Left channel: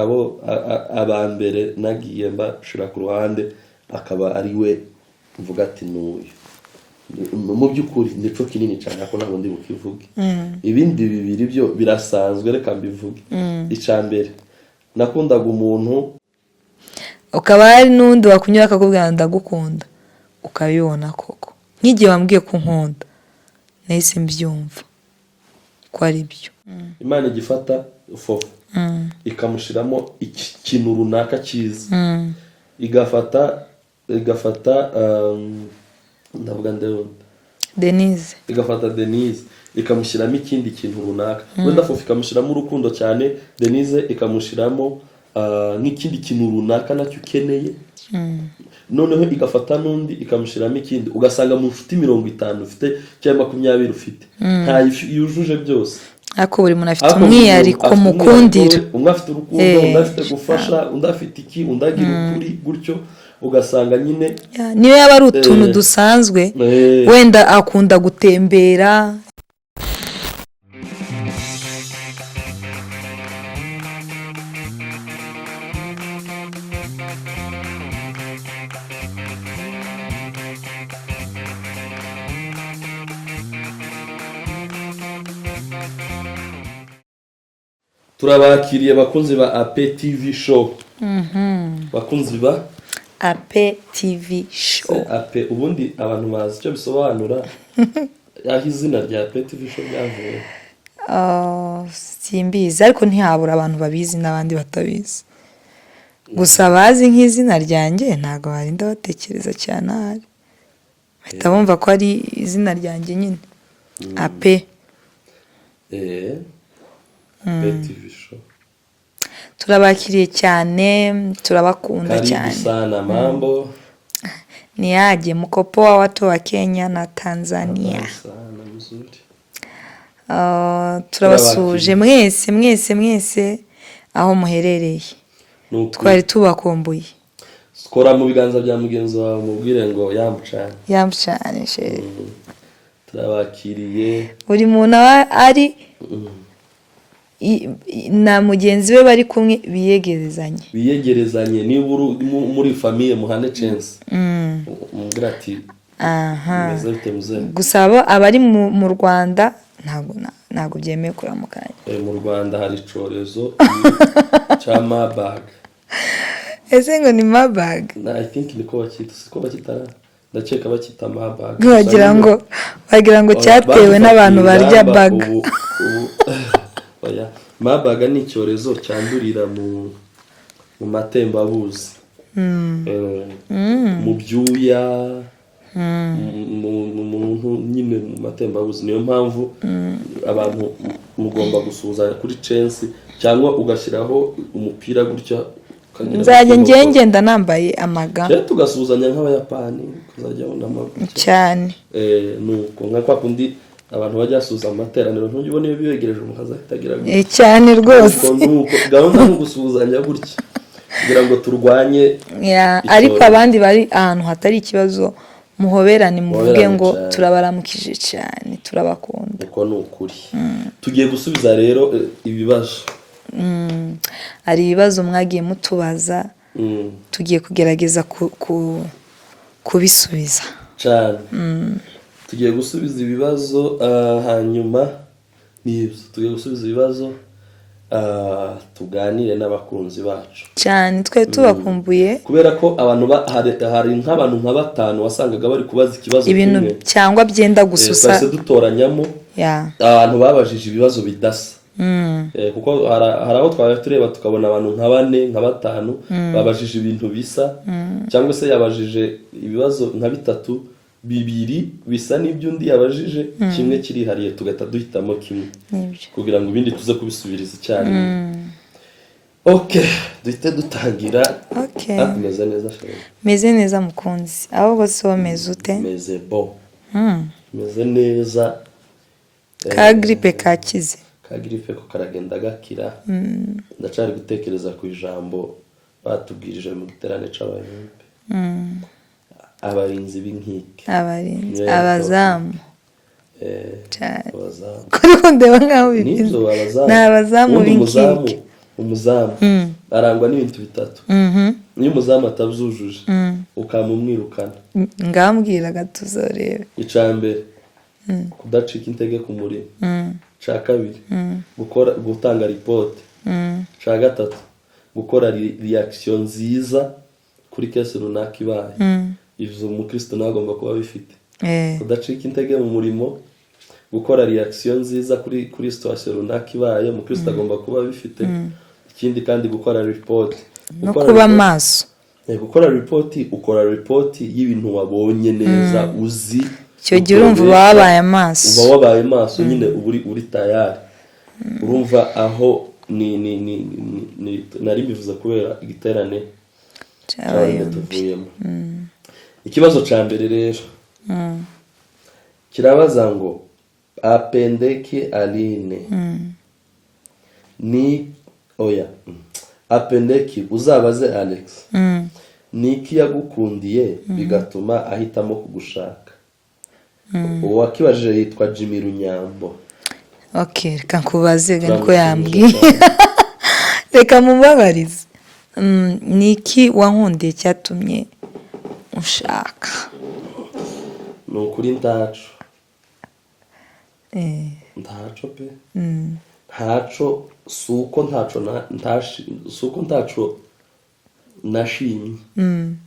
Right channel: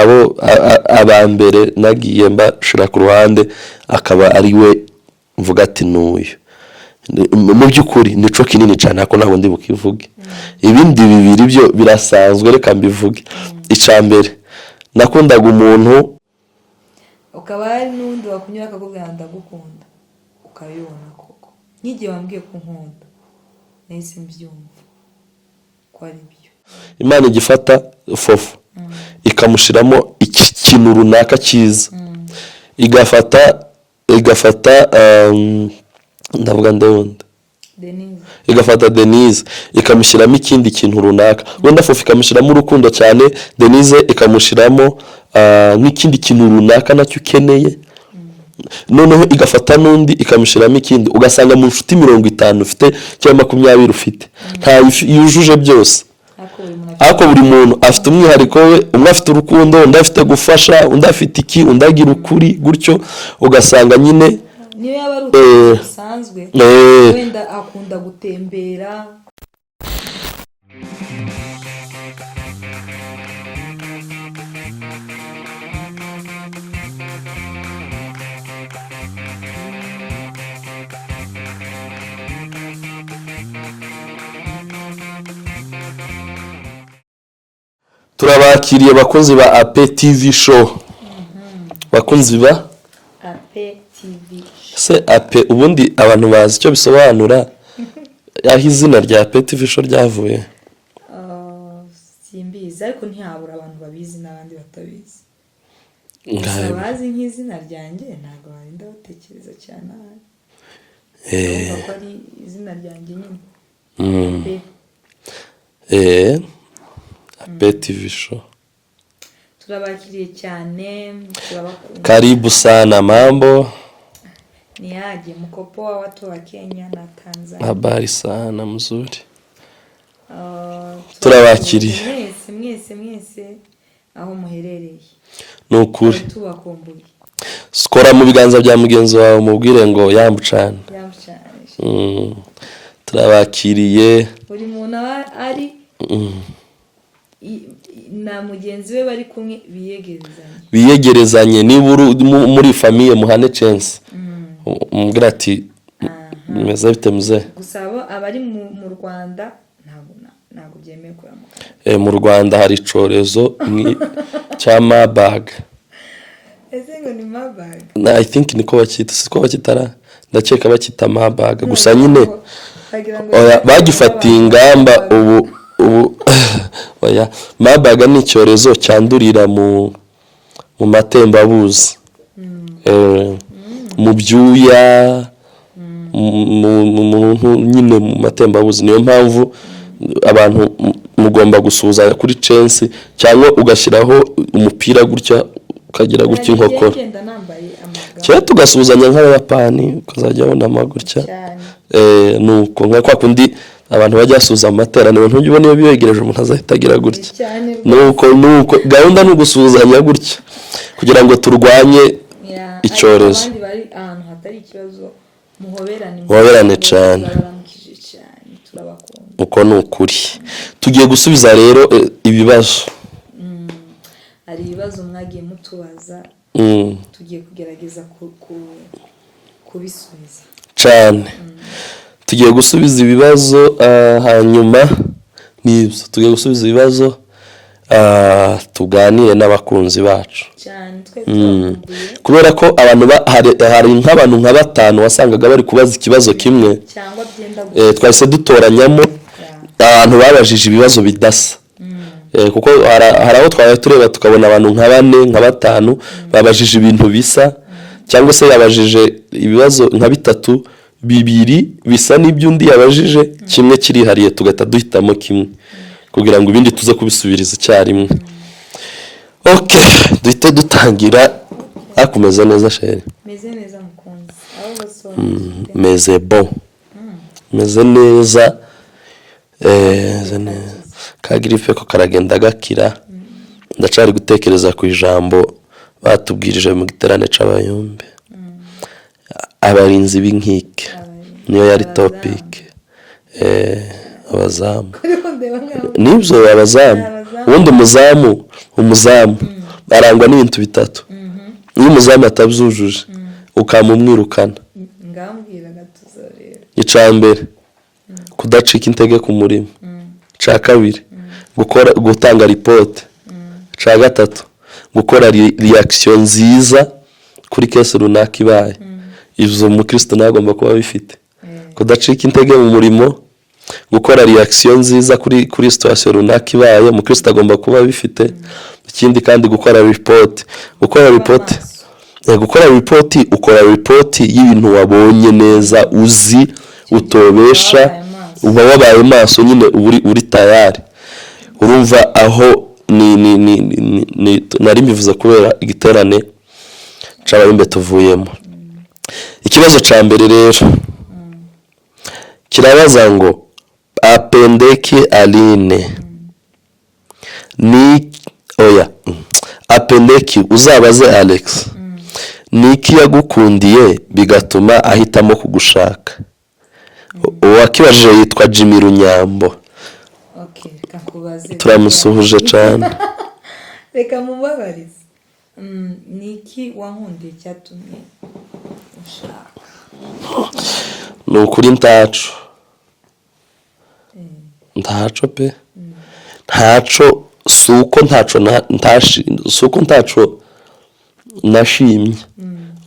abo abambere nagiye mbashira ku ruhande akaba ari we mvuga ati nuyu mu byukuri nico kinini cyane ako ntabwo ndi bukivuge ibindi bibiri byo birasanzwe reka mbivuge icambere nakundaga umuntu ukaba ari nundi wakunyura akakubwira ndagukunda ukabibona koko nk'igihe wambwiye ko nkunda nahise mbyumva ko ari byo Imana igifata fofu ikamushiramo ikintu runaka cyiza igafata ndavuga ndabunda igafata Denise ikamushyiramo ikindi kintu runaka wenda fofu ikamushyiramo urukundo cyane Denise ikamushyiramo n'ikindi kintu runaka nacyo ukeneye noneho igafata n'undi ikamushyiramo ikindi ugasanga mu nshuti 50 ufite cyangwa 20 ufite nta yujuje byose ako buri muntu afite umwihariko we umwe afite urukundo undi afite gufasha undi afite iki undi agira ukuri gutyo ugasanga nyine niyo yaba ari utuntu dusanzwe wenda akunda gutembera turabakiriye bakunzi ba AP TV show bakunzi ba AP TV show se AP ubundi abantu bazi cyo bisobanura yaho izina rya AP TV show ryavuye simbizi ariko ntihabura abantu babizi n'abandi batabizi gusa bazi nk'izina ryanjye ntago barinda batekereza cyane ahari ndabumva ko ari izina ryanjye nyine AP AP TV show turabakiriye cyane turabakunda karibu sana mambo niaje mkopo wa watu wa Kenya na Tanzania habari sana mzuri turabakiriye mwese aho muherereye twari tubakumbuye skora mu biganza bya mugenzi wawe mubwire ngo yambucane turabakiriye buri muntu ari na mugenzi we bari kumwe biyegerezanye niba muri famille muhane chance mbwira ati meze bitemuze gusaba abari mu Rwanda ntago byemeye kuramukana mu Rwanda hari corezo cya Marburg ese ngo ni Marburg I think niko bakita siko bakitara ndakeka bakita Marburg gusa nyine bagira ngo cyatewe n'abantu bari ubu oya Marburg ni icyorezo cyandurira mu matembabuzi mu byuya nyine mu matembabuzi niyo mpamvu abantu mugomba gusuza kuri chance cyangwa ugashyiraho umupira gutya ukagira gutyo nkoko ngenda nambaye amaga cyo tugasuzanya nk'abayapani ukazajya ubona amagutya cyane nuko nka kwa kundi abantu bajya suza amateraniro ntujye ubona iyo biyegereje umuntu azahitagira gutya cyane rwose nuko gahunda no gusuzanya gutya kugira ngo turwanye ariko abandi bari ahantu hatari ikibazo muhoberane ngo turabaramukije cyane turabakunda uko nukuri tugiye gusubiza rero ibibazo ari ibibazo mwagiye mutubaza tugiye kugerageza kubisubiza cyane tugiye gusubiza ibibazo hanyuma nibyo tugiye gusubiza ibibazo tuganire n'abakunzi bacu cyane twe tubakumbuye kubera ko abantu hari nk'abantu nka 5 wasangaga bari kubaza ikibazo kimwe cyangwa byenda gususa twese dutoranyamo abantu babajije ibibazo bidasa kuko hari aho twaba tureba tukabona abantu nka 4 nka 5 babajije ibintu bisa cyangwa se yabajije ibibazo nka 3 bibiri bisa n'ibyundi yabajije kimwe kirihariye tugata duhitamo kimwe kugira ngo ibindi tuze kubisubiriza icyarimwe duhite dutangira akomeza neza sheri meze neza mukunzi aho bose bameze ute meze bon meze neza ka gripe ko karagenda gakira ndacari gutekereza ku ijambo batubwirije mu giterane c'abayumbe abarinzi b'inkike niyo yari topic abazamu kuri ndeba nkaho nibyo abazamu ubundi umuzamu arangwa n'ibintu bitatu iyo umuzamu atabyujuje ukamumwirukana ngambwira gatuzorebe icambere kudacika intege ku murimo ca kabiri gutanga report ca gatatu gukora reaction nziza kuri kese runaka ibaye ivyo umukristo nagomba kuba bifite kudacika intege mu murimo gukora reaction nziza kuri situation runaka ibaye umukristo agomba kuba bifite ikindi kandi gukora report ukora report y'ibintu wabonye neza uzi utobesha uba wabaye maso nyine uri tayari urumva aho ni nari mbivuze kubera igiterane cy'abarimbe tuvuyemo ikibazo ca mbere rero kirabaza ngo apendeki ALINE ni oya apendeki uzabaze Alex niki yagukundiye bigatuma ahitamo kugushaka uwakibajije yitwa Jimmy Runyambo reka nkubaze turamusuhuje cyane reka mubabarize niki wankundiye cyatumye ushaka ni ukuri ntaco pe ntaco suko ntaco nashimye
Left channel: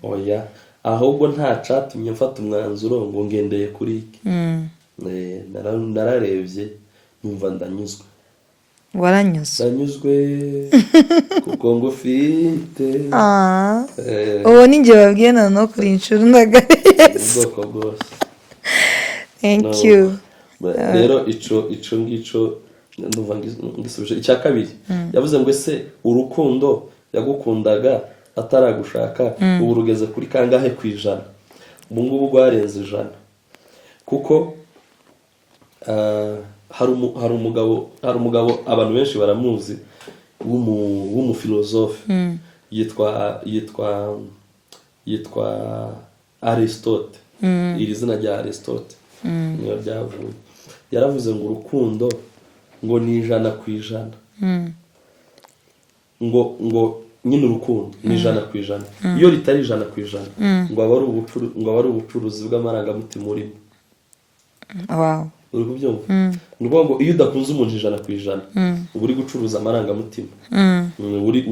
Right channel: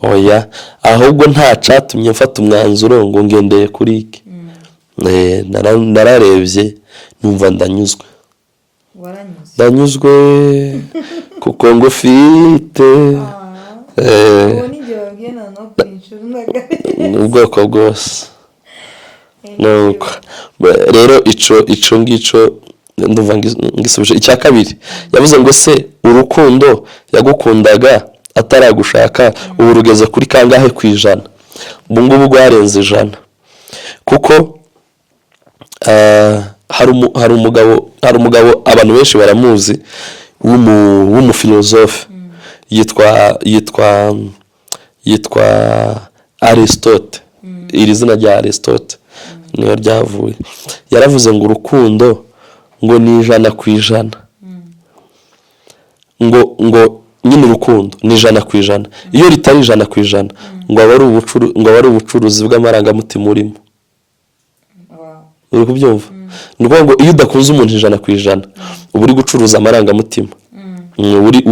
oya ahubwo nta catumye mfata umwanzuro ngo ngendeye kuri iki nararebye numva ndanyuzwe ndanyuzwe kuko ngufite uwo ninjye babwiye no kuri inshuro ndagaretse ubwoko bwose rero ico ngico ndumva ngisubije icya kabiri yavuze ngo se urukundo yagukundaga ataragushaka ubu rugeze kuri kangahe kwijana ubu ngubu rwarenze 100 kuko hari umugabo abantu benshi baramuzi w'umufilozofe yitwa Aristote iri zina rya Aristote niyo ryavuye yaravuze ngo urukundo ngo ni 100%. ngo nyine urukundo ni 100%. iyo ritari 100% ngo aba ari ubucuruzi bw'amarangamutima urimo. uri kubyumva ni ngo iyo udakunze umuntu 100% uba uri gucuruza amarangamutima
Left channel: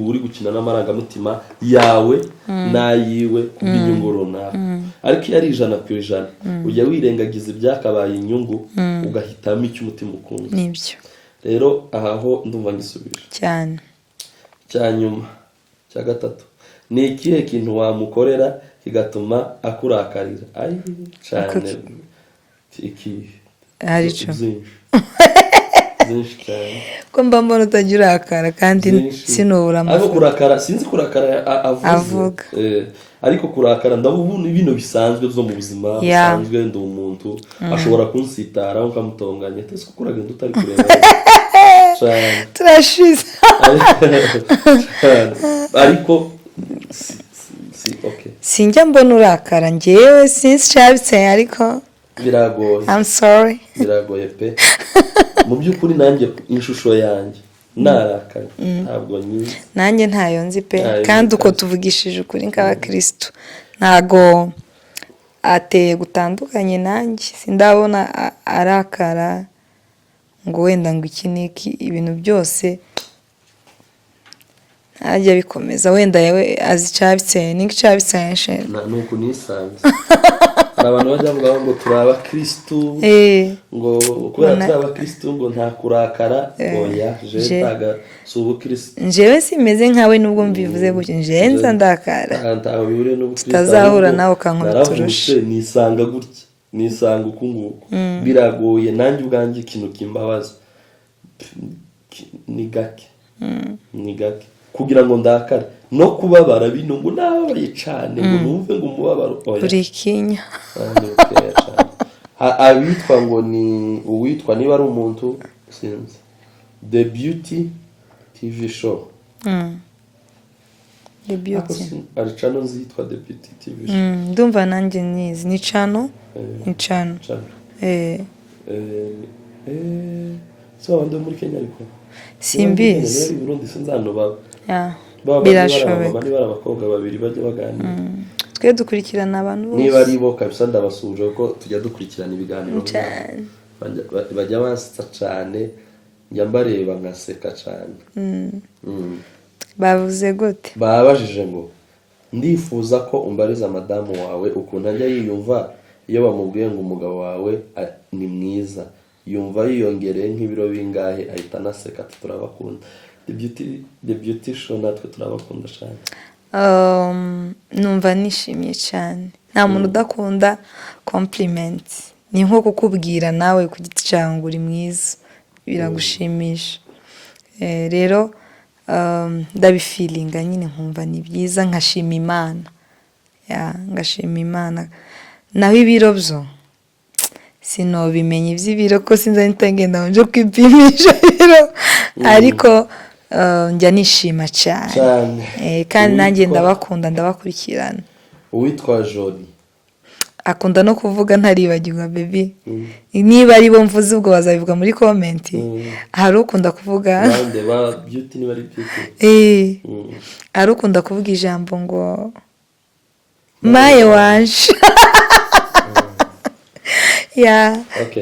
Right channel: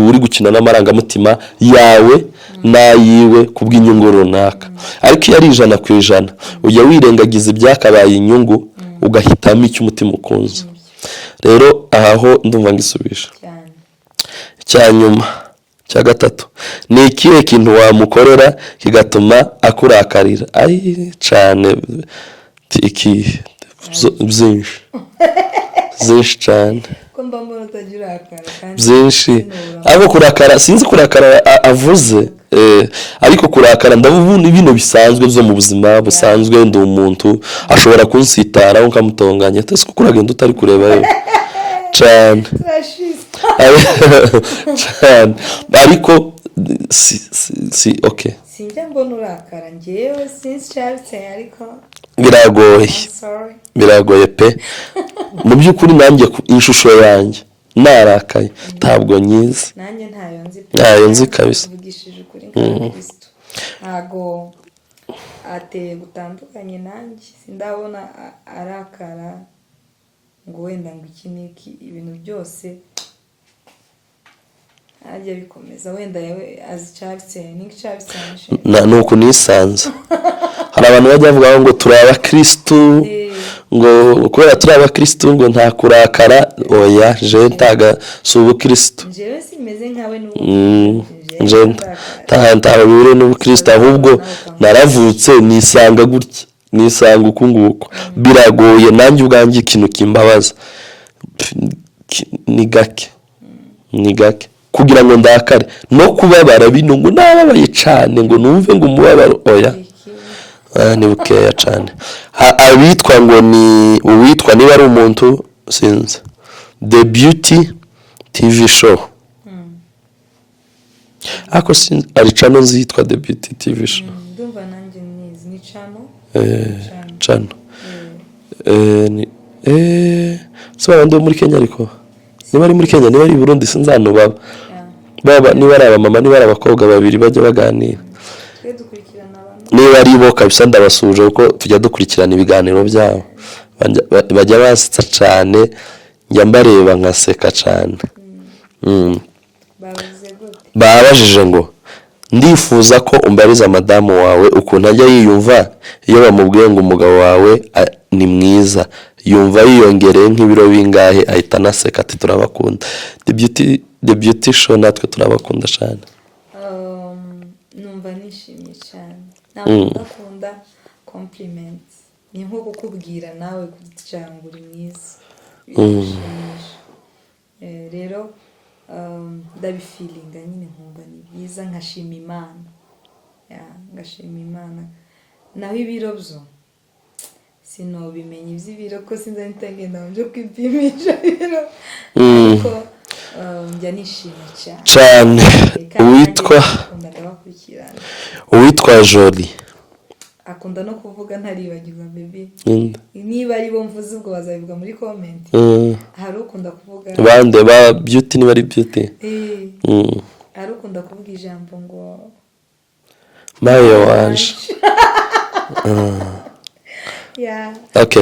uri gukina n'amarangamutima yawe nayiwe kubw'inyungu runaka. ariko iyo ari 100% ujya wirengagiza ibyakabaye inyungu ugahitamo icyo umutima ukunze. rero aho ndumva ngisubisha cyanyuma cya gatatu ni ikihe kintu wamukorera kigatuma akurakarira cyane iki byinshi cyane ko mba mbona utagira akara kandi sinubura abo kurakara sinzi kurakara avuze ariko kurakara ndabona ibintu bisanzwe byo mu buzima busanzwe ndi umuntu ashobora kunsitara nkamutonganya tese kuko uragenda utari kureba cyane turashize cyane ariko okay sinjya mbona urakara ngewe sinzi cyabitse ariko biragoye I'm sorry biragoye pe mu by'ukuri nanjye ishusho yanjye narakaye ntabwo nyizi nanjye ntayo nzi pe kandi uko tuvugishije ukuri nk'abakristo ntago ateye gutandukanye nanjye sindabona arakara ngo wenda ngo iki niki ibintu byose ajya bikomeza wenda yawe azicabitse n'icabitse nuko nisanze hari abantu bajya bavuga ngo turabakristo ngo kubera turabakristo ngo nta kurakara oya je taga subukristo jewe simeze nkawe nubwo mbivuze gutyo je ndakara ntaho bire n'ubukristo ahubwo naravutse nisanga gutya nisanga ukunguko biragoye nanjye ubwanjye ikintu kimbabaza ni gake kugira ngo ndakare no kubabara bino ngo nababaye cyane ngo numve ngo umubabaro oya ni bukeya cyane abitwa ngo ni uwitwa niba ari umuntu sinzi The Beauty TV show ako sinzi ari channel zitwa The Beauty TV show ndumva nanjye nizi ni channel Soba ndo muri Kenya ariko niba ari muri Kenya niba ari i Burundi sinzano baba niba ari abamama niba ari abakobwa babiri bajya baganira twe dukurikirana abantu niba ari bo kabisa ndabasuje uko tujya dukurikirana ibiganiro byabo bajya basitsa cyane njya mbareba nkaseka cyane. bavuze gute babajije ngo ndifuza ko umbariza madamu wawe ukuntu ajya yiyumva iyo bamubwiye ngo umugabo wawe ni mwiza yumva yiyongereye nk'ibiro bingahe ahita naseka ati turabakunda the beauty show natwe turabakunda cyane. numva nishimiye cyane nta muntu udakunda compliment ni nko kukubwira nawe ku giti cyawe ngo uri mwiza biramushimisha rero ndabifilinga nyine nkumva ni byiza nkashima Imana ngashima Imana naho ibiro byo sinobimenye iby'ibiro ko sinza ngenda nje kwipimisha ibiro ariko njya nishima cyane kandi nanjye ndabakunda ndabakurikirana. Uwitwa Jolie akunda no kuvuga ntaribagirwa baby niba ari bo mvuze ubwo bazabivuga muri comment hari ukunda kuvuga bande ba beauty niba ari beauty hari ukunda kuvuga ijambo ngo naye wanje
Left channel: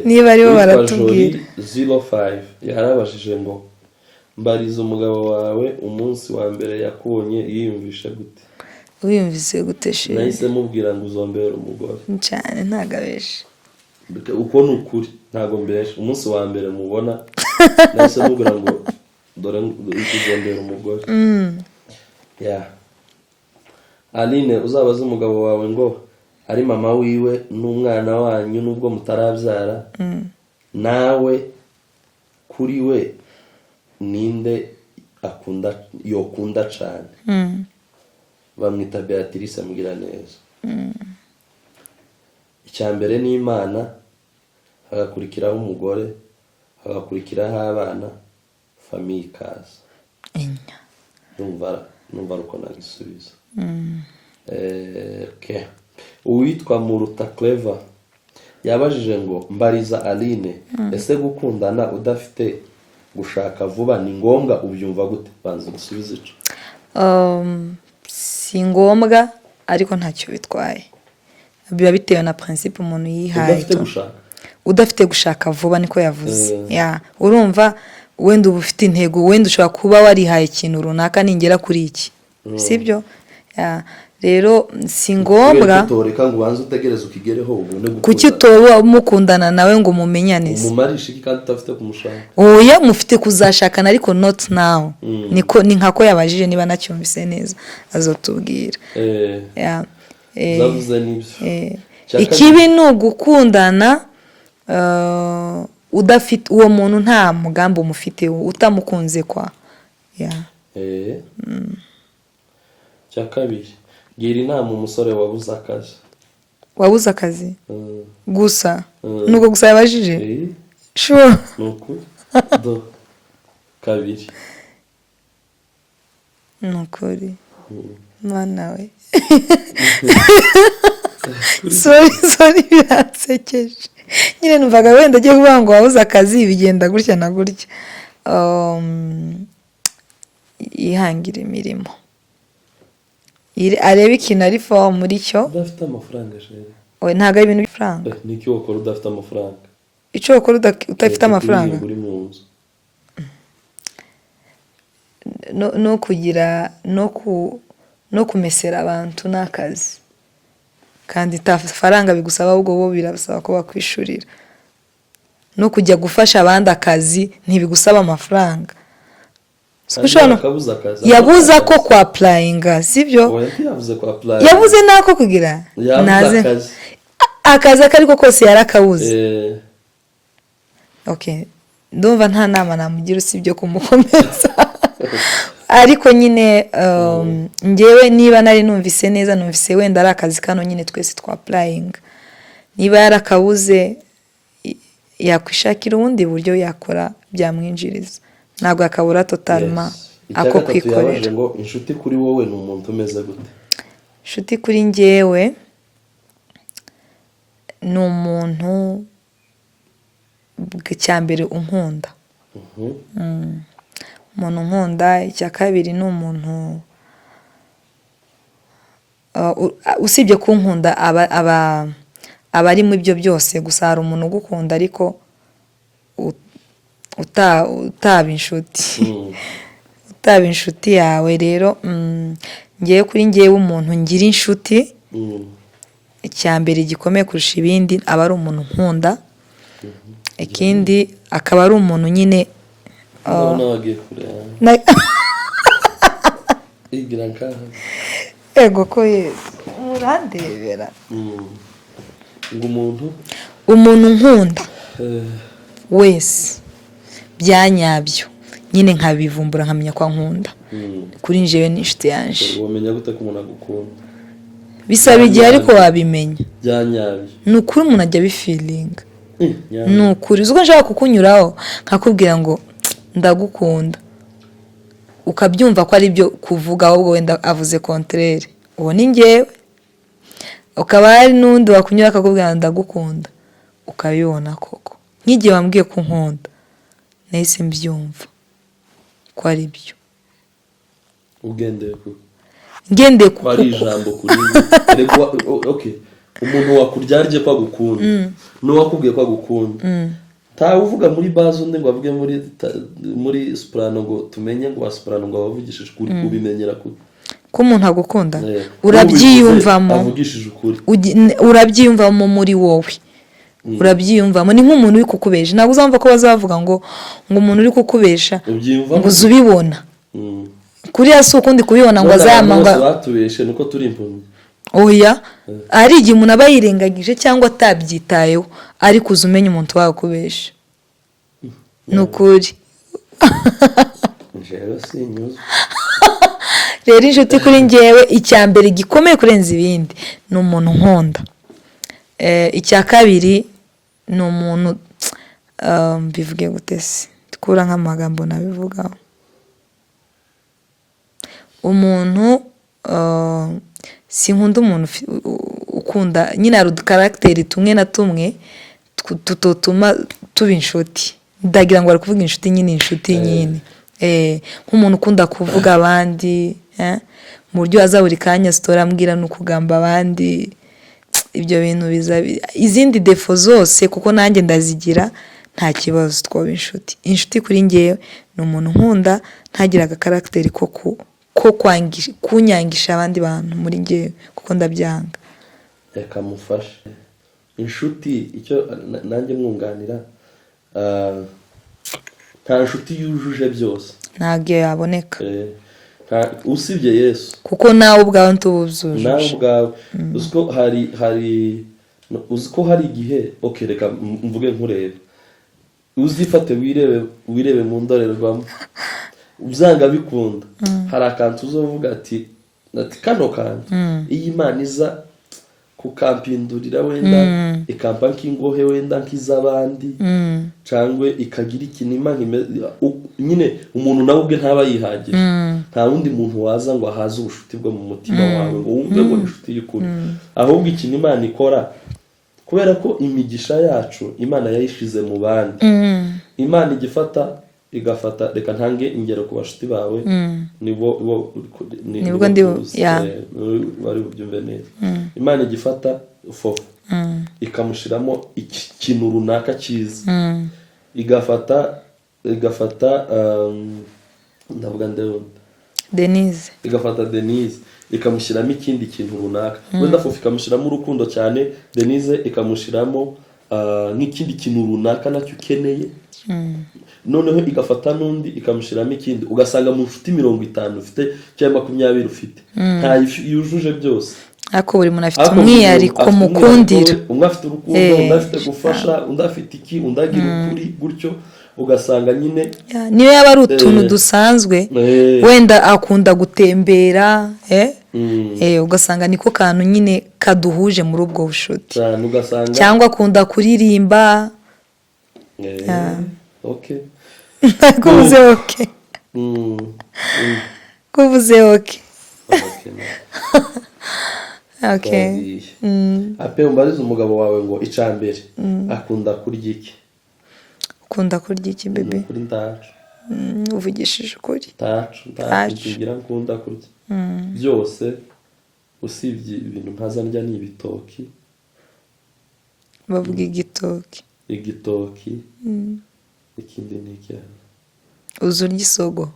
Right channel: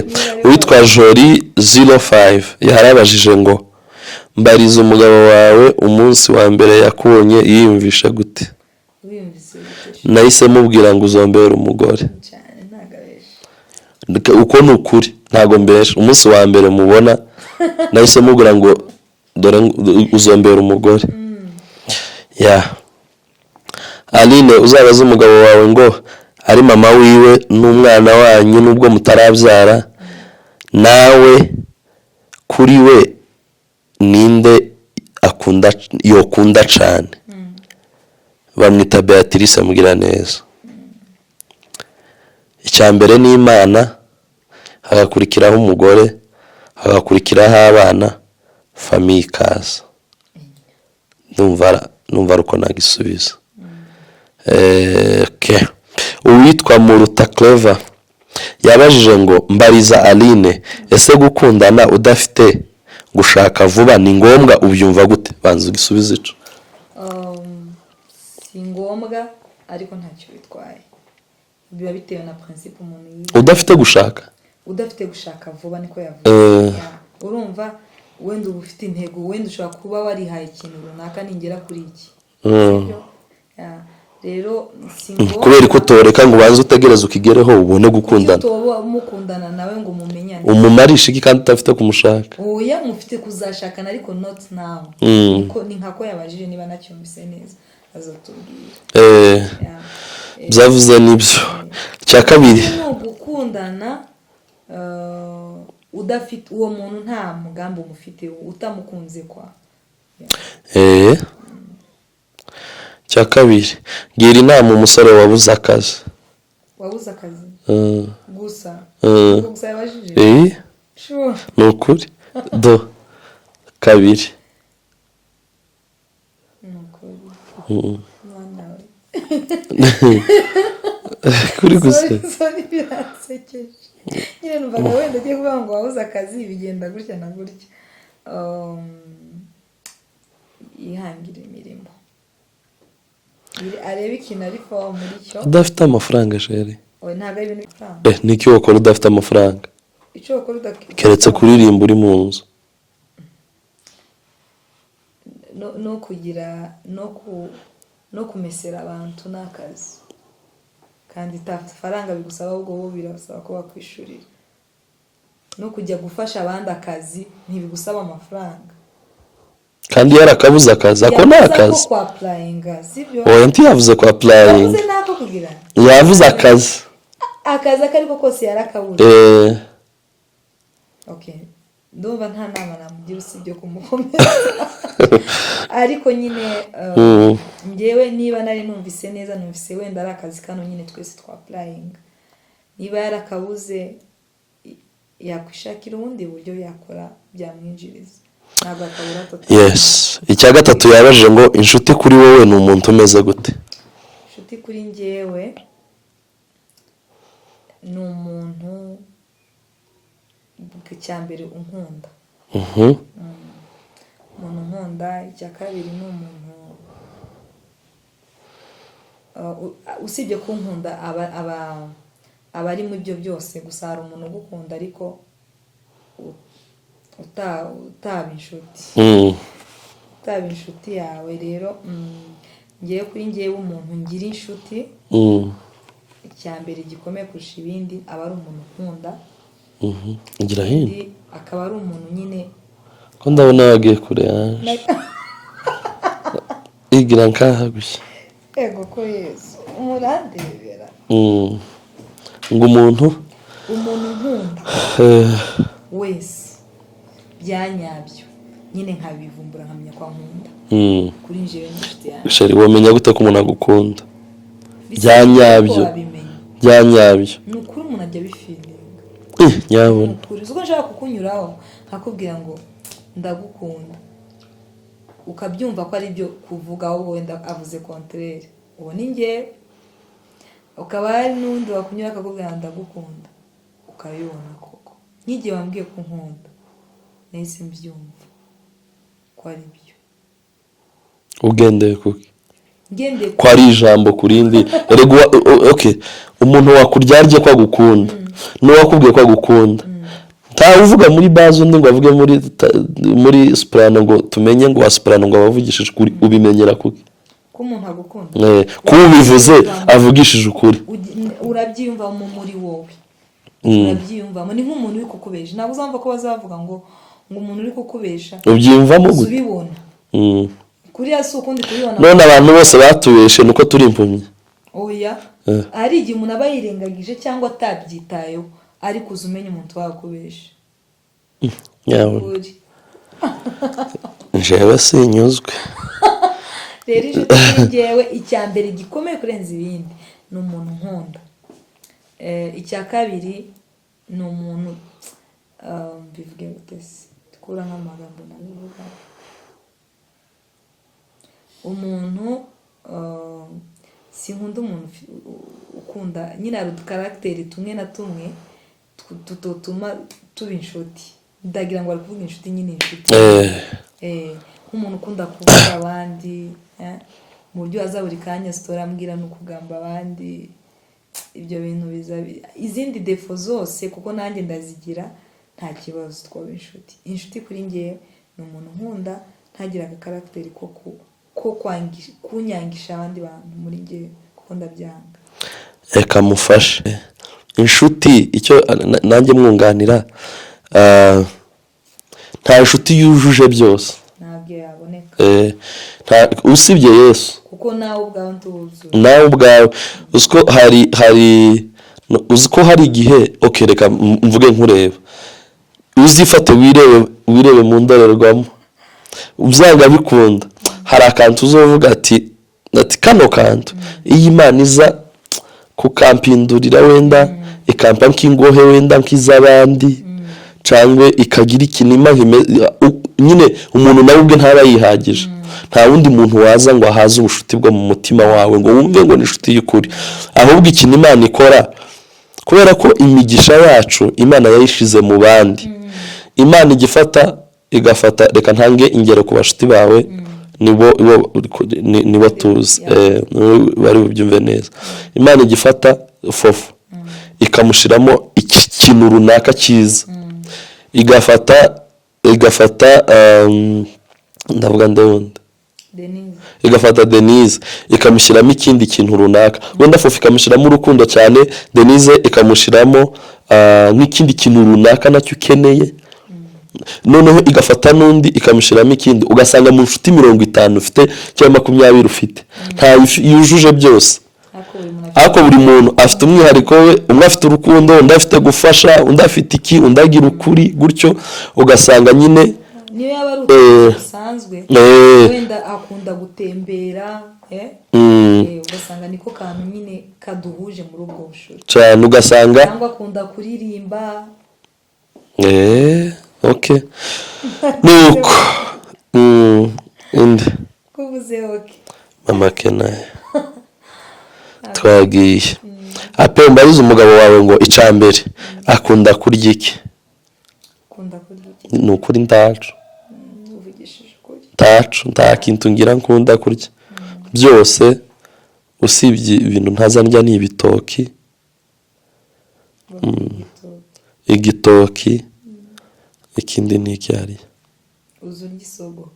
niba ari witwa Jolie 05 yarabajije ngo mbariza umugabo wawe umunsi wa mbere yakubonye yiyumvisha gute. Wiyumvise gute shi nahise mubwira ngo uzombera umugore cyane ntagabeshe uko nukuri ntago mbeshe umunsi wa mbere mubona nahise mubwira ngo dore uzombera umugore. Aline uzabaza umugabo wawe ngo ari mama wiwe n'umwana wanyu nubwo mutarabyara nawe kuri we ninde yokunda cyane. Bamwita Beatrice amugira neza. Icyambere ni Imana hagakurikiraho umugore hagakurikiraho abana famille kaza numva ruko nagisubiza. Uwitwa Muruta Clever yabajije ngo mbariza Aline ese gukundana udafite gushaka vuba ni ngombwa ubyumva gute banza ugisubize ico. Si ngombwa ariko ntacyo bitwaye biba bitewe na principe umuntu yihaye. udafite gushaka vuba niko yavuze urumva wenda uba ufite intego wenda ushobora kuba warihaye ikintu runaka ningera kuri iki sibyo rero si ngombwa kubera ko toreka ngo banze utegereze ukigereho ubone gukundana kuki toba mukundana nawe ngo mumenyane umumarisha iki kandi utafite kumushaka oya mufite kuzashakana ariko not now ni nkako yabajije niba nacyumvise neza azotubwira byavuze nibyo ikibi ni ugukundana udafite uwo muntu nta mugambi umufite utamukunze kwa cyakabiri gira inama umusore wabuze akazi gusa nuko gusa yabajije sure nukuri do kabiri nukuri mwana we kuri sorry birasekeje nyine numvaga wenda agiye kuvuga ngo wabuze akazi bigenda gutya na gutya yihangira imirimo arebe ikintu ari fo muri cyo udafite amafaranga jeri oya ntago ari ibintu by'amafaranga niki wakora udafite amafaranga icyo wakora udafite amafaranga kuririmba uri mu nzu no kugira no kumesera abantu n'akazi kandi faranga bigusaba ahubwo bo birasaba ko bakwishurira no kujya gufasha abandi akazi ntibigusaba amafaranga kandi yarakabuze akazi yavuze ko kwa applyinga sibyo oya ntiyavuze kwa applyinga yavuze nako kugira yavuze akazi akariko kose yarakabuze okay ndumva nta nama namugira usibyo kumukomeza ariko nyine ngewe niba nari numvise neza numvise wenda ari akazi kano nyine twese twa applyinga niba yarakabuze yakwishakira ubundi buryo yakora byamwinjiriza ntabwo akabura totalma. Icya gatatu yabajije ngo inshuti kuri wowe ni umuntu umeze gute. Inshuti kuri ngewe ni umuntu cyambere unkunda. Umuntu nkunda. Icya kabiri ni umuntu usibye kunkunda aba ari mu ibyo byose, gusa hari umuntu ugukunda ariko utaba inshuti yawe. Rero ngiye kuri ngewe umuntu ngira inshuti, icyambere gikomeye kurusha ibindi aba ari umuntu nkunda. Ikindi akaba ari umuntu nyine ndabona wagiye kure igira nkahabye ego ko Yesu urandebera ngo umuntu nkunda wese byanyabyo nyine nkabivumbura nkamenya ko nkunda. Kuri njewe n'inshuti yanjye. Sheri wamenya gute ko umuntu agukunda? Bisaba igihe ariko wabimenya. Byanyabyo. Ni ukuri umuntu ajya bifilinga. Ni ukuri uzi ko nshaka kukunyuraho nkakubwira ngo ndagukunda, ukabyumva ko ari byo kuvuga, ahubwo wenda avuze contraire, uwo ni ngewe. Ukaba hari n'undi wakunyura akakubwira ndagukunda, ukabibona koko. Nk'igihe wambwiye ko nkunda nahise mbyumva ko ari byo. Ugendeye kuki? Ngendeye ko ari ijambo kurindi. Okay, umuntu wakuryarye ko agukunda n'uwakubwiye ko agukunda, nta uvuga muri bazo undi ngo avuge muri soprano ngo tumenye ngo soprano ngo abavugishije ukuri. Ubimenyera kuki ko umuntu agukunda? Urabyiyumvamo, avugishije ukuri urabyiyumvamo muri wowe. Urabyiyumvamo, ni nk'umuntu uri kukubesha. Ntabwo uzamva ko bazavuga ngo umuntu uri kukubesha ubyiyumvamo, uzubibona kuri hasi ukundi kubibona ngo abantu bose batubeshe nuko turi impumyi. Oya, ari igihe umuntu aba yirengagije cyangwa atabyitayeho, ariko uzumenya umuntu wakubesha. Nukuri njewe sinyuzwe. Rero inshuti kuri ngewe icyambere gikomeye kurenza ibindi ni umuntu nkunda. Icya kabiri ni umuntu bivuge gutese tukura nk'amagambo nabivugaho. Umuntu sinkunda umuntu ukunda nyine hari udukaragiteri tumwe na tumwe tutuma tuba inshuti. Ndagira ngo bari kuvuga inshuti nyine inshuti. Nk'umuntu ukunda kuvuga abandi mu buryo aza buri kanya sitora ambwira no kugamba abandi. Ibyo bintu biza izindi defo zose kuko nanjye ndazigira, nta kibazo twaba inshuti. Inshuti kuri ngewe ni umuntu nkunda ntagira agakaragiteri ko kunyangisha abandi bantu muri ngewe kuko ndabyanga. Reka mufashe inshuti icyo nanjye mwunganira. Nta inshuti yujuje byose, ntabwo yaboneka usibye Yesu, kuko nawe ubwawe ntubuzuje. Nawe ubwawe uziko hari igihe reka mvuge nkureba, uzifate wirebe mu ndorerwamo, uzanga bikunda. Hari akantu uzovuga ati kano kantu iyi Imana iza kukampindurira wenda ikampa nk'ingohe wenda nk'iz'abandi cyangwa ikagira ikinima nyine umuntu nawe ubwe ntaba yihagije. Nta wundi muntu waza ngo ahaze ubushuti bwo mu mutima wawe ngo wumve ngo ni inshuti y'ukuri. Ahubwo ikintu Imana ikora, kubera ko imigisha yacu Imana yayishize mu bandi, Imana igafata reka ntange ingero ku bashuti bawe, nibo tuzi bari bubyumve neza. Imana igifata fofu ikamushiramo ikintu runaka cyiza, igafata ndavuga ndabunda igafata Denise ikamushyiramo ikindi kintu runaka, wenda fofu ikamushyiramo urukundo cyane, Denise ikamushyiramo nk'ikindi kintu runaka nacyo ukeneye. Noneho igafata n'undi ikamushyiramo ikindi, ugasanga mu nshuti 50 ufite cyangwa 20 ufite, nta yujuje byose. Ako buri muntu afite umwihariko we, umwe afite urukundo, undi afite gufasha, undi afite iki, undi agira ukuri, gutyo ugasanga nyine niyo yaba ari utuntu dusanzwe, wenda akunda gutembera, ugasanga niko kantu nyine kaduhuje muri ubwo bushuti cyane, ugasanga cyangwa akunda kuririmba. Okay. Kuvuze okay. Mama kenaye. Twagiye. Ape mbariza umugabo wawe ngo icambere akunda kurya iki? ukunda kurya iki ni ukuri ndacu uvugishije ukuri nta kintu ngira nkunda kurya byose usibye ibintu ntazandya ni ibitoki bavuga igitoki ikindi ni icyari uzurya isogo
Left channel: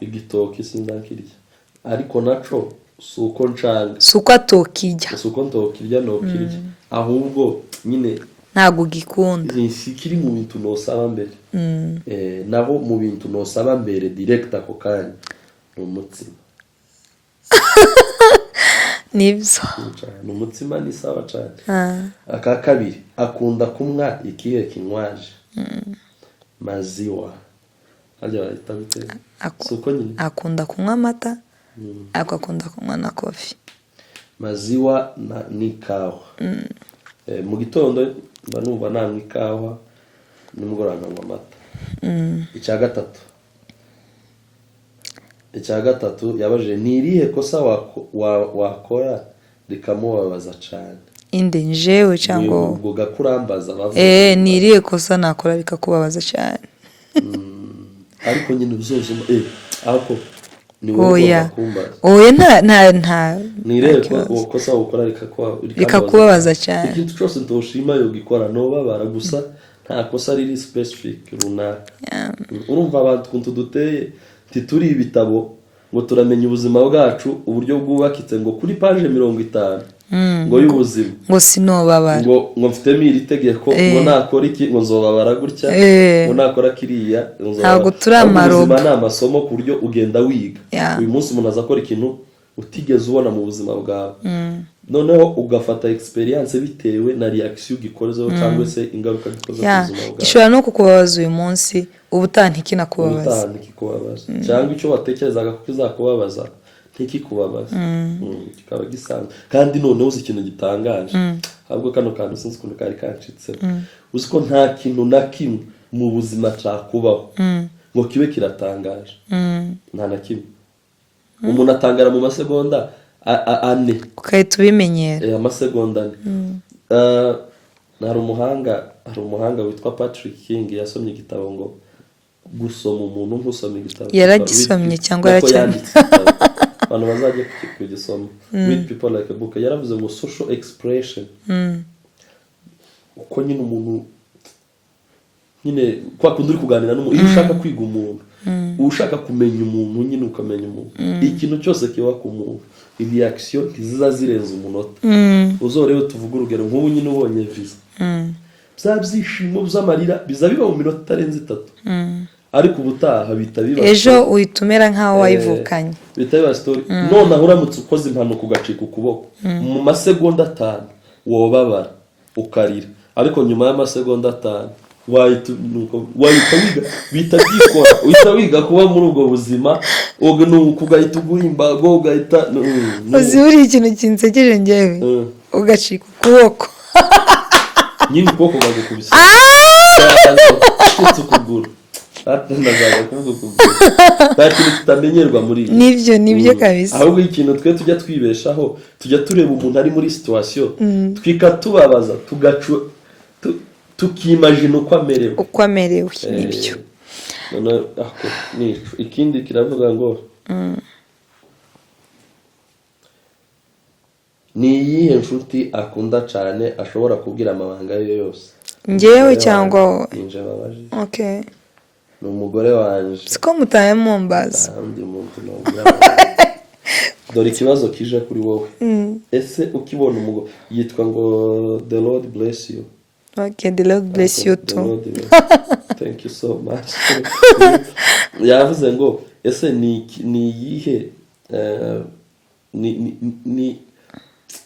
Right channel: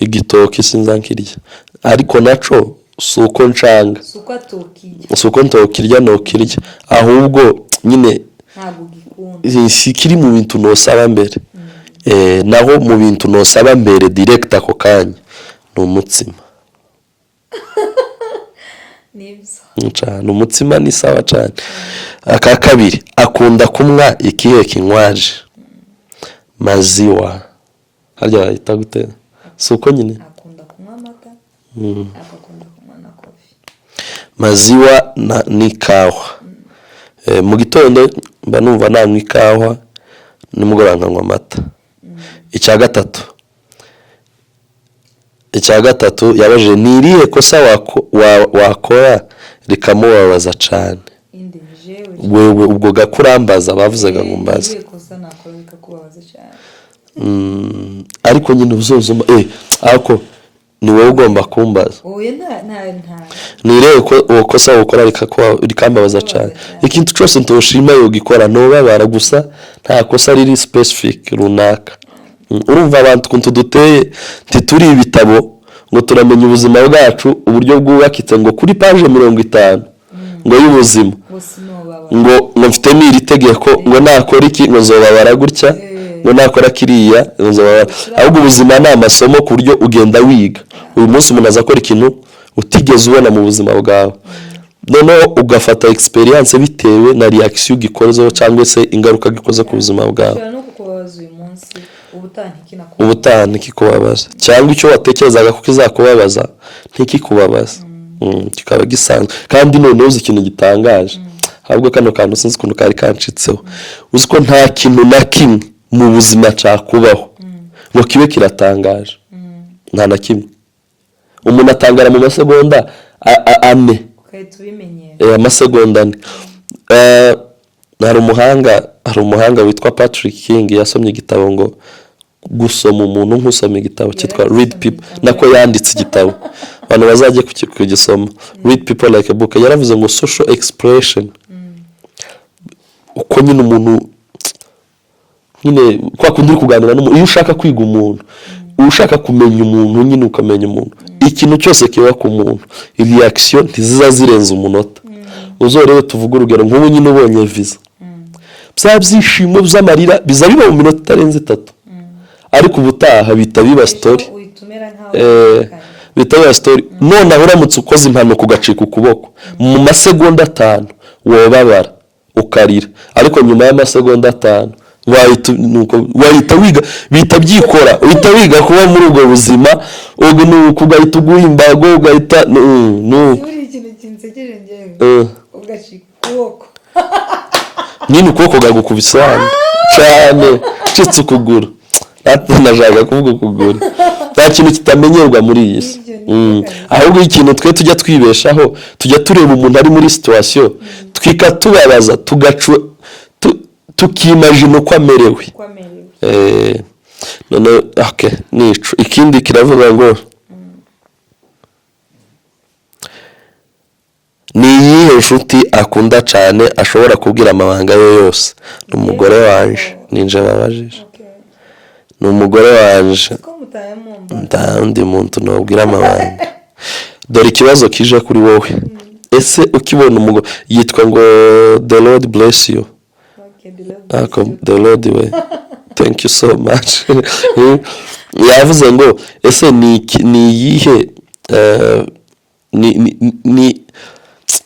igitoki sinzankirya ariko naco suko ncanga suko ntokirya nokirya ahubwo nyine ntago gikunda sikiri mu bintu nosaba mbere naho mu bintu nosaba mbere direct ako kanya ni umutsima nibyo cyane umutsima ni sawa cyane aka kabiri akunda kumwa ikihe kinywaje maziwa harya yita gute suko nyine akunda kunywa amata akakunda kunywa na coffee maziwa ni kawa mu gitondo mba numva nanywa ikawa nimugoroba nkanywa amata icya gatatu yabaje niriye kosa wakora rikamubabaza cyane inde njewe cyane ubwo gakurambaza bavuzaga mu mazi niriye kosa nakora rikakubabaza cyane ariko nyine uzozuma ako ni wowe ugomba kumbaza oya nta nireye ko kosa ukora rikambabaza cyane ikintu cyose ntoshima yo gikora no babara gusa nta kosa riri specific runaka urumva abantu kuntu duteye ntituri ibitabo ngo turamenya ubuzima bwacu uburyo bwubakitse ngo kuri page 50 ngo y'ubuzima ngo sinobabara ngo mfite n'iri tegeko ngo nakora iki ngo nzobabara gutya ngo nakora kiriya nzobabara ahubwo ubuzima ni amasomo ku buryo ugenda wiga uyu munsi umuntu azakora ikintu utigeze ubona mu buzima bwawe noneho ugafata experience bitewe na reaction gikorezo cyangwa se ingaruka gikoze ku buzima bwawe ushobora no kukubabaza uyu munsi ubutantikubabaza cyangwa icyo watekerezaga ko kizakubabaza ntikikubabaza kikaba gisanzwe kandi noneho uzi ikintu gitangaje ahubwo kano kantu sinzi ukuntu kari kancitseho uzi ko nta kintu na kimwe mu buzima cyakubaho ngo kibe kiratangaje nta na kimwe umuntu atangara mu masegonda ane ukahita ubimenyera amasegonda ane hari umuhanga witwa Patrick King yasomye igitabo ngo gusoma umuntu nk'usoma igitabo cyitwa Read People nako yanditse igitabo abantu bazajye kugisoma Read People Like a Book yaravuze ngo social expression uko nyine umuntu nyine kwa kundi kuganira n'umuntu iyo ushaka kwiga umuntu ushaka kumenya umuntu nyine ukamenya umuntu ikintu cyose kiba ku muntu reaction ntiziza zirenza umunota uzorebe tuvuga urugero nk'ubu nyine ubonye visa bya byishimo by'amarira biza biba mu minota itarenze 3 ariko ubutaha bita biba story ejo uyitumera nkaho wayivukanye bita biba story none uramutse ukoze impano kugacika ukuboko mu masegonda 5 wobabara ukarira ariko nyuma y'amasegonda 5 wahita wiga bita byikora uhita wiga kuba muri ubwo buzima ugahita uguhimbago ugahita uzuri ikintu kinsekeje ngewe ugacika ukuboko nyine ukuboko gagukubise cyane citse ukuguru nazaga kuvuga ukuguru nta kintu kitamenyerwa muri iyi nibyo kabisa ahubwo ikintu twe tujya twibeshaho tujya tureba umuntu ari muri situation twikatubabaza tukimagine uko amerewe none okay nico ikindi kiravuga ngo ni yihe nshuti akunda cyane ashobora kubwira amabanga ye yose umugore wanje ninje babajije ni umugore wanje siko mutaye mumbaza undi muntu nobwira amabanga dore ikibazo kije kuri wowe ese ukibona umugore yitwa ngo the Lord bless you. Okay, the Lord bless you too. The Lord way. Thank you so much. Yavuze ngo ese ni yihe ni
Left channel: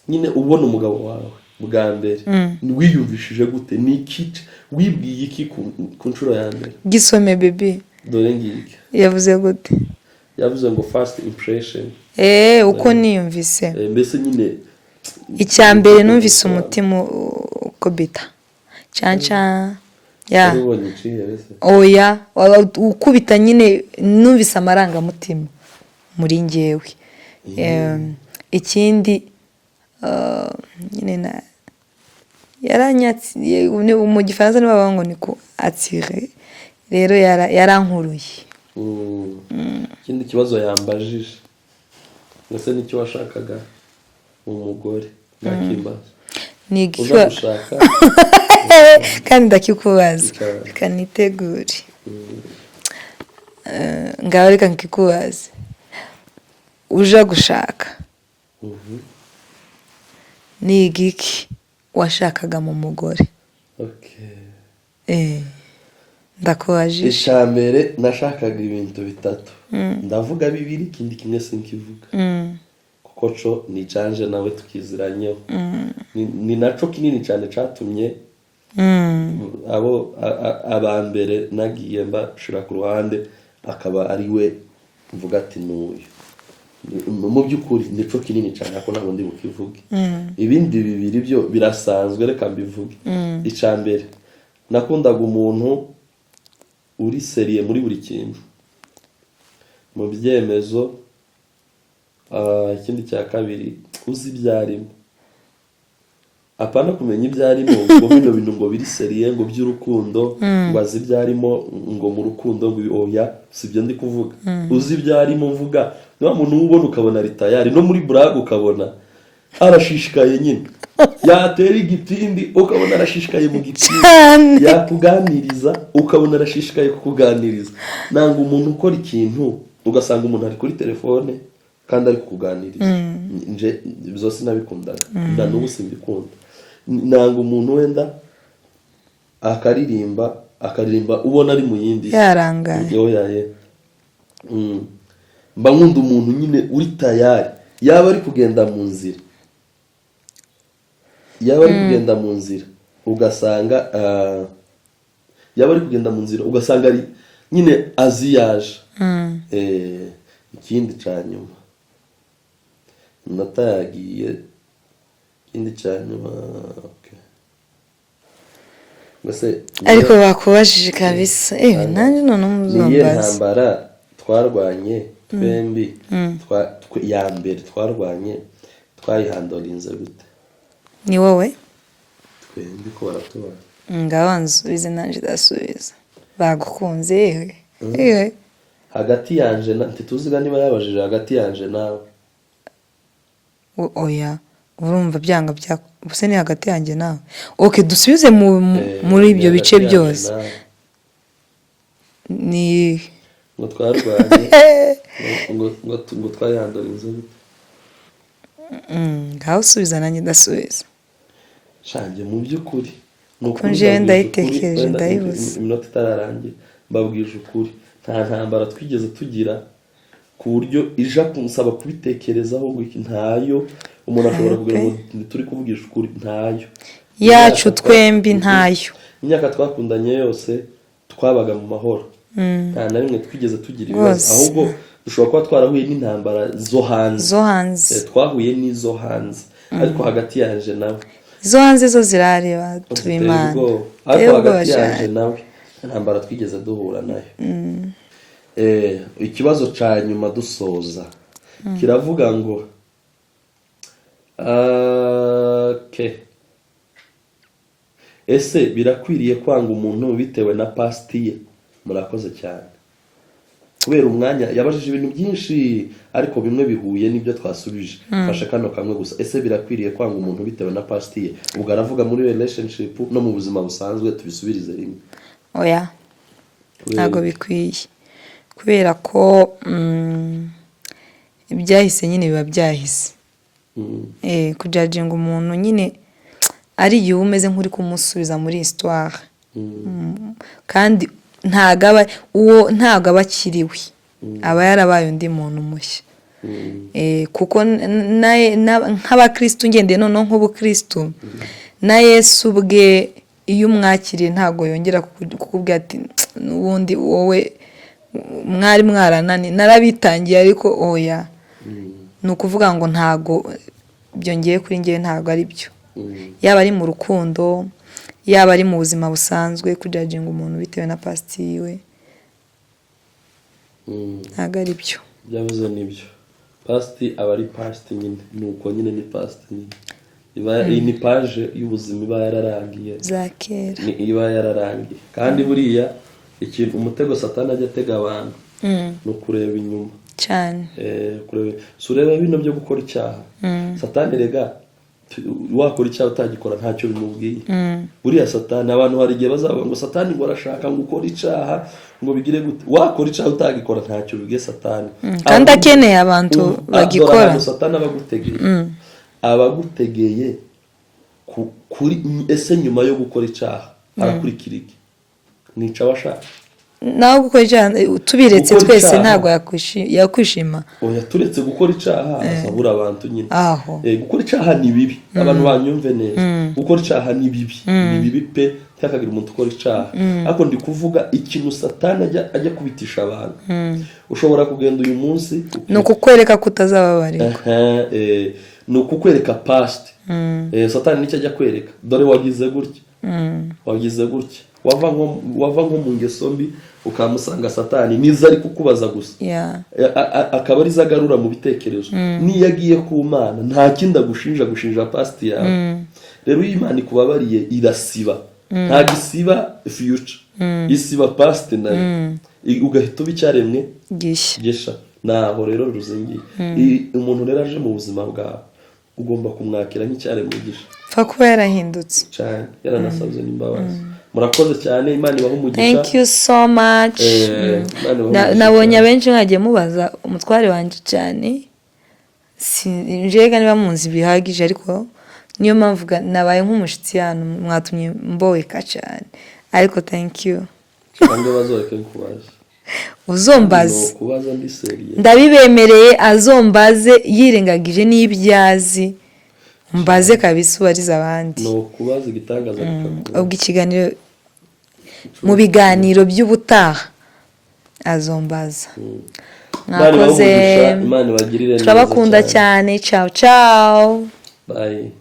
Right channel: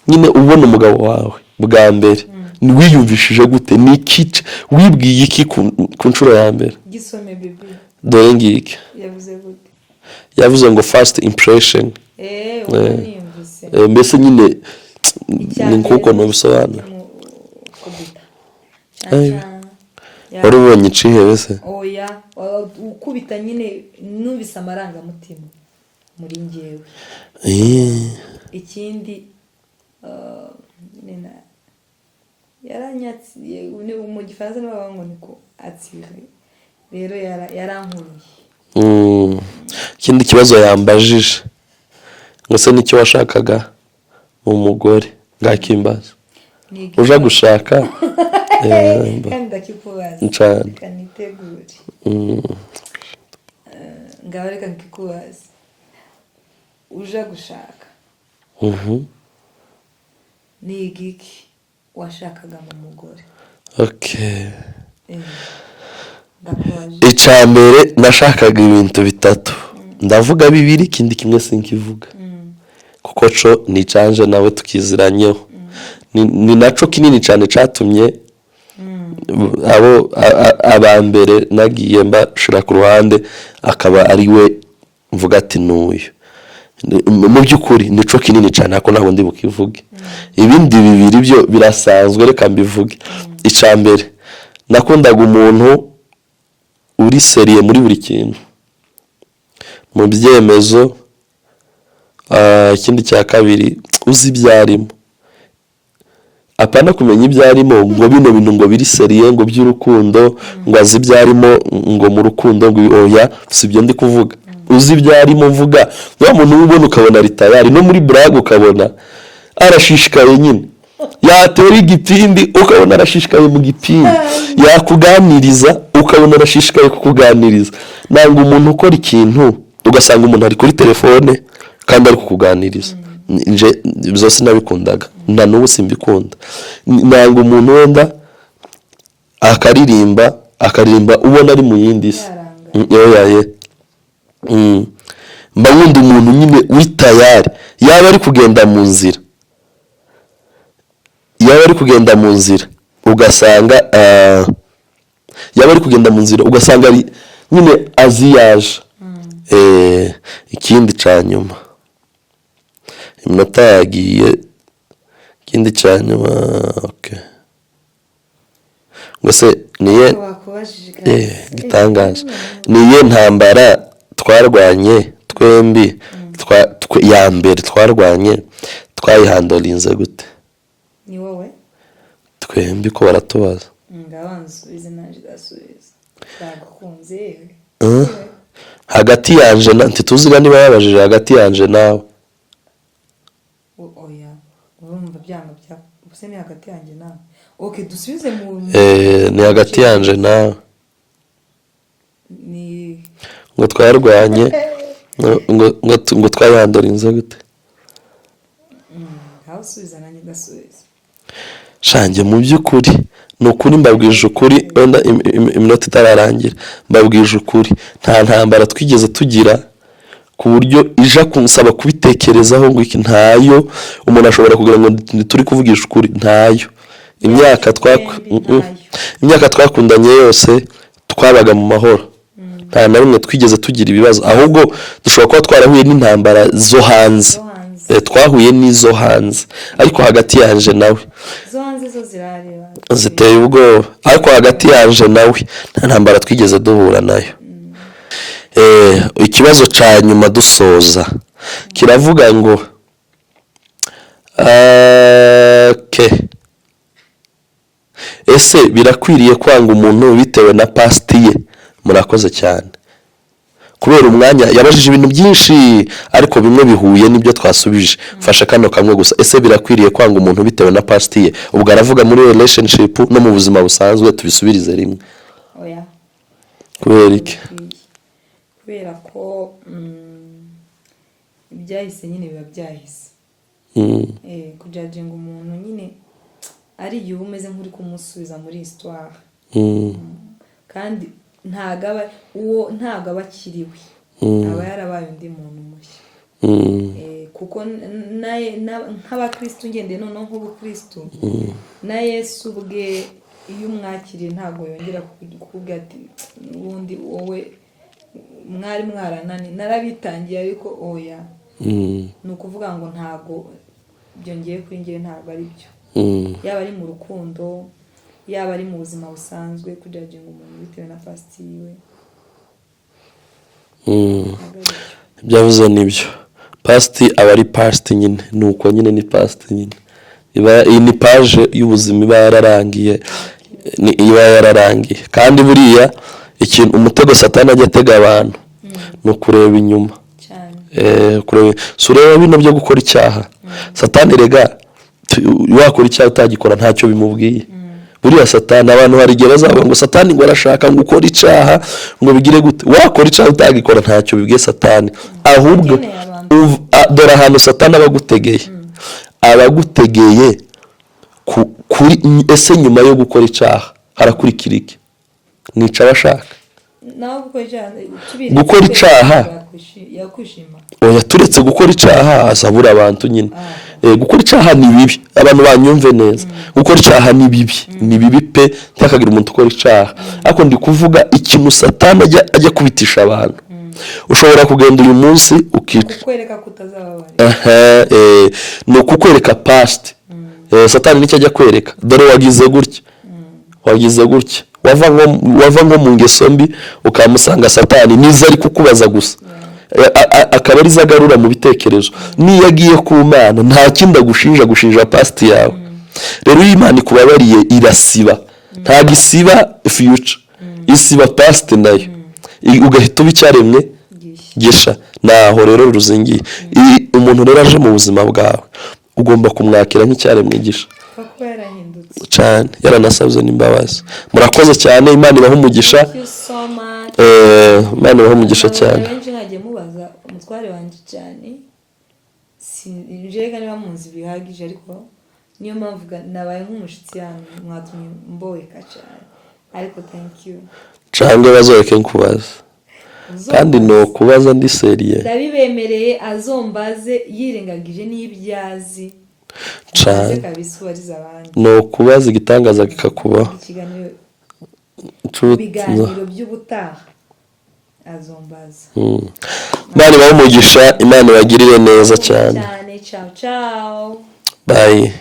nyine ubona umugabo wawe bwa mbere wiyumvishije gute ni iki wibwiye iki ku nshuro ya mbere gisome baby dore ngiki yavuze gute yavuze ngo first impression uko niyumvise mbese nyine icyambere numvise umutima ukubita canca wari ubonye icihe wese oya ukubita nyine numvise amarangamutima muri njyewe ikindi nyine yaranyatsi mu gifaransa nibo bavuga ngo ni ko atire rero yarankuruye. Ikindi kibazo yambajije ngo se nicyo washakaga mu mugore ngakimbaza uje gushaka kandi ndakikubaza kanitegure ngaho reka nkikubaze uje gushaka ni igiki washakaga mu mugore? Ndakubaje. Icambere nashakaga ibintu bitatu ndavuga bibiri ikindi kimwe sinkivuga kuko co ni canje nawe tukiziranyeho ni naco kinini cyane catumye abo abambere nagiye mbashira ku ruhande akaba ari we mvuga ati nuyu mu byukuri nico kinini cyane ako ntabwo ndi bukivuge ibindi bibiri byo birasanzwe reka mbivuge. Icambere nakundaga umuntu uri seriye muri buri kintu mu byemezo. Ikindi cya kabiri uzi ibyarimo apana kumenya ibyarimo ngo bino bintu ngo biri seriye ngo by'urukundo ngo azi ibyarimo ngo mu rukundo ngo oya sibyo ndi kuvuga uzi ibyarimo mvuga wa muntu ubona ukabona ritayari no muri brag ukabona arashishikaye nyine yatera igipindi ukabona arashishikaye mu gipindi yakuganiriza ukabona arashishikaye kukuganiriza nanga umuntu ukora ikintu ugasanga umuntu ari kuri telefone kandi ari kukuganiriza nje byose nabikundaga nda n'ubu simbikunda nanga umuntu wenda akaririmba ubona ari mu yindi yarangaye mba nkunda umuntu nyine witayari yaba ari kugenda mu nzira ugasanga ari nyine aziyaje. Ikindi cyanyuma iminota yagiye ikindi cyanyuma ngose ariko bakubajije kabisa niye ntambara twarwanye twembi ya mbere twarwanye twayihandolinze gute? Ni wowe twembi ko baratubaza ngabanzubize nanje dasubiza bagukunze yewe hagati yanje ntituziga niba yabajije hagati yanje nawe oya urumva byanga bya buse ni hagati yanje nawe dusubize muri ni hagati yanje nawe ni ngo twarwanye ngo twayihandolinze gute? ngaho usubiza nanjye ndasubiza shange mu by'ukuri nukuri mbabwije ukuri wenda iminota itararangira mbabwije ukuri nta ntambara twigeze tugira ku buryo ija kunsaba kubitekerezaho ngo iki ntayo umuntu ashobora kugira ngo turi kuvugisha ukuri ntayo. Imyaka twakundanye yose twabaga mu mahoro nta na rimwe twigeze tugira ibibazo ahubwo dushobora kuba twarahuye n'intambara zo hanze twahuye n'izo hanze ariko hagati yanje nawe zo hanze zo zirareba ziteye ubwoba ariko hagati yanje nawe nta ntambara twigeze duhura nayo. Ikibazo ca nyuma dusoza kiravuga ngo ese birakwiriye kwanga umuntu bitewe na past ye? Murakoze cyane kubera umwanya yabajije ibintu byinshi ariko bimwe bihuye n'ibyo twasubije fasha kano kamwe gusa. Ese birakwiriye kwanga umuntu bitewe na past ye? Ubwo aravuga muri relationship no mu buzima busanzwe tubisubirize rimwe. Oya kubera iki? Kubera ko ibyahise nyine biba byahise. Kujajinga umuntu nyine ari igihe umeze nk'uri kumusubiza muri histoire kandi ntago aba akiriwe aba yarabaye undi muntu mushya. Kuko nk'abakristo ngendeye noneho nk'ubukristo na Yesu ubwe iyo umwakiriye ntago yongera kukubwira ati n'ubundi wowe mwari mwaranani narabitangiye ariko oya ni ukuvuga ngo ntago byongeye kuri njye ntago ari byo. Yaba ari mu rukundo yaba ari mu buzima busanzwe kujajinga umuntu bitewe na past yiwe ntago ari byo. Byavuze nibyo past aba ari past nyine nuko nyine ni past nyine iyi ni page y'ubuzima iba yararangiye iba yararangiye kandi buriya ikintu umutego satani ajya atega abantu no kureba inyuma cyane sureba bino byo gukora icyaha satani rega wakora icyaha utagikora ntacyo bimubwiye buriya satani abantu hari igihe bazavuga ngo satani ngo arashaka ngo ukora icyaha ngo bigire gute wakora icyaha utagikora ntacyo bibwiye satani akeneye abantu dore ahantu satani abagutegeye kuri ese nyuma yo gukora icyaha arakurikira iki nica abashaka nawe gukora icyaha tubiretse twese ntabwo yakwishima oya turetse gukora icyaha asabura abantu nyine gukora icyaha ni bibi abantu banyumve neza gukora icyaha ni bibi pe ntakagira umuntu ukora icyaha ariko ndi kuvuga ikintu satani ajya kubitisha abantu ushobora kugenda uyu munsi ni ukukwereka kutazababarira ni ukukwereka past satani nicyo ajya kwereka dore wagize gutya wava nko mu ngeso mbi ukamusanga satani niza ari kukubaza gusa akaba ari zagarura mu bitekerezo niyo agiye ku Mana nta kindi agushinja past yawe rero iyo Imana ikubabariye irasiba ntabwo isiba future isiba past nayo ugahita uba icyaremwe gisha naho rero ruzingiye umuntu rero aje mu buzima bwawe ugomba kumwakira nk'icyaremwe gisha kuba yarahindutse cyane yaranasabye n'imbabazi murakoze cyane Imana ibaha umugisha thank you so much Imana ibaha umugisha cyane nabonye abenshi mwagiye mubaza umutware wanje cyane sinjega niba munzi bihagije ariko niyo mpamvu nabaye nk'umushitsi hano mwatumye mboweka cyane ariko thank you cyangwa bazoreke nkubaza uzombaze no kubaza ndi seriye ndabibemereye azombaze yirengagije n'ibyazi mbaze kabisa ubariza abandi no kubaza igitangaza kikakubaho ikiganiro mu biganiro by'ubutaha azombaza Imana ibahe umugisha Imana ibagirire neza cyane ciao ciao bye